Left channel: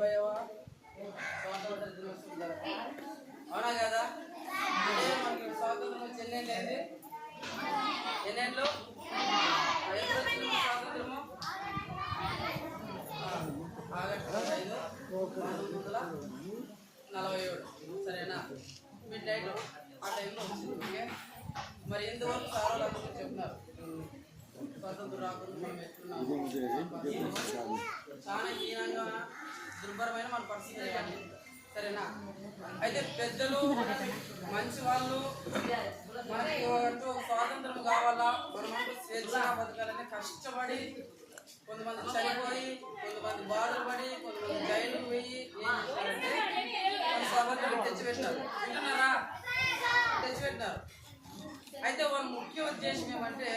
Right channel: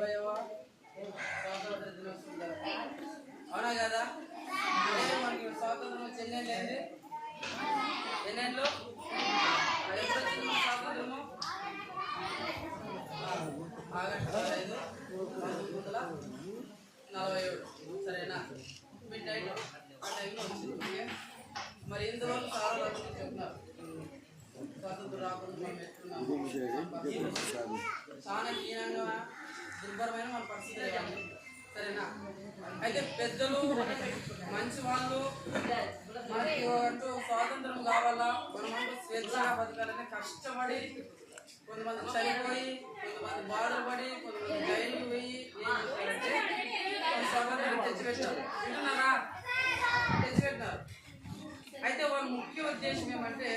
70వ స్వాతంత్ర దినోత్సవం జరుపుకుంటాం. అవునా కదా? అంటే మనకి స్వాతంత్రం వచ్చి ఎన్నేళ్ళు? ఎప్పుడు వచ్చింది మన స్వాతంత్రము? ఆగస్టు 15, 1947. సరేనా? మిడ్ నైట్ ఆ టైంలో వచ్చింది. ఓకే, మరి ఎందువల్ల సార్ అందరూ చెప్తున్నారు స్వాతంత్రం రాకుండా మనం ఎట్లున్నాము, చాలా హీనంగా దుర్భరమైన మన పరిస్థితి కానీ. సరేనా? అయితే పెద్దలు మంచి వాళ్ళు మనకి అంటూ స్వాతంత్రం కావాలా, మనమంటూ స్వేచ్ఛగా బతకాలని కష్టపడి కొంతమంది చనిపోయి, కొంతమంది బాధలు పడి, కొంతమంది జైలుకు పోయి ఏం చేస్తారంటే మన స్వాతంత్రాన్ని తెచ్చిపెట్టినారు. వింటున్నారా? తెచ్చిపెట్టినారు. అయితే వాళ్ళ ముఖ్య ఉద్దేశం ఏమంటే,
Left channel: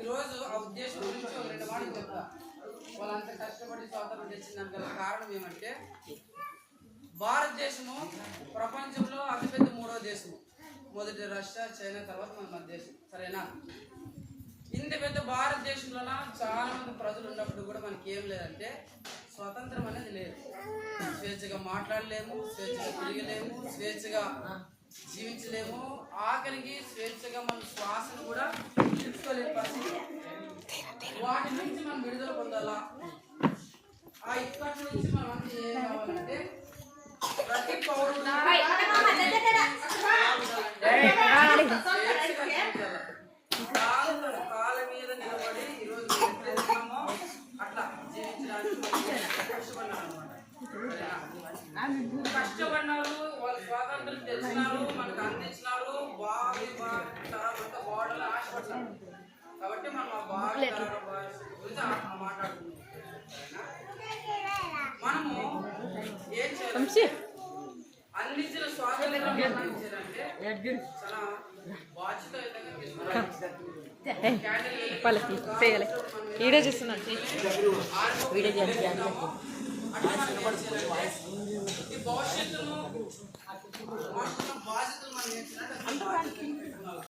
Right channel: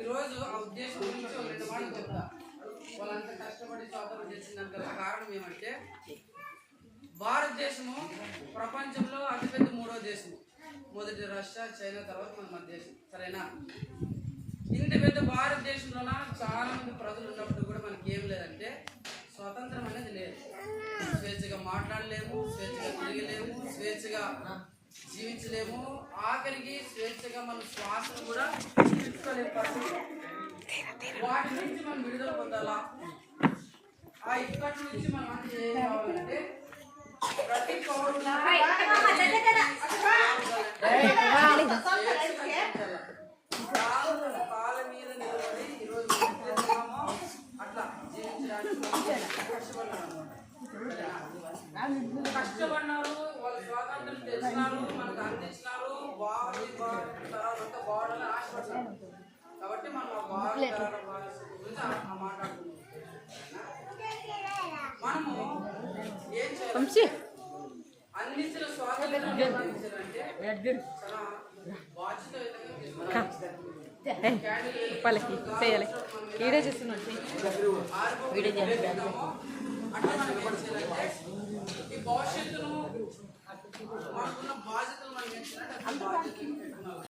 ఈరోజు ఆ ఉద్దేశం గురించి ఒక 2 మాటలు చెప్తా. వాళ్ళంతా కష్టపడి స్వాతంత్రం తెచ్చిందానికి గల కారణం ఏమంటే, భారతదేశము ప్రపంచంలో అతిపెద్ద 3వ దేశము. మొదటి రష్యా, చైనా, తర్వాత మన దేశం. సరేనా? ఇంత పెద్ద భారతదేశంలోన చాలా మంది ప్రజలు ఉన్నప్పుడు కూడా మనకి ఏం లేదంటే స్వతంత్రం అనేది లేదు. స్వేచ్ఛగా మాట్లాడలేము, స్వేచ్ఛగా తిరగలేము, స్వేచ్ఛగా జీవించలేము, ఆఖరికి స్వేచ్ఛగా మన శ్వాసను కూడా తీసుకోలేని పరిస్థితి. వాటి నుంచి మనం విడుదల పొందాలా? ఆ ఇక్కడి నుంచి మనం అంటే చేయాలంటే ప్రతి పౌరుడు తన కాళ్ళ మీద నిలబడి ఈరోజు ఎట్లయితున్నామో అట్లా జీవించడానికి కష్టపడినారు అనమాట. కష్టపడినారు, వాళ్ళు స్వాతంత్రం తెచ్చినారు, మనకు అందించినారు. బావి తరాలంతా బాగుండాలని ఆశపడ్డారు. కాబట్టి మనం ఆ బావి తరాల గురించి మాట్లాడుతున్నాం. మనము ఏం చేయాలి? అందించిన స్వాతంత్రాన్ని అందించాలంటే చాలా బాధ్యతయుతంగా వీడియో చేస్తున్నాం. అట్లా మనం ఏం చేయాలంటే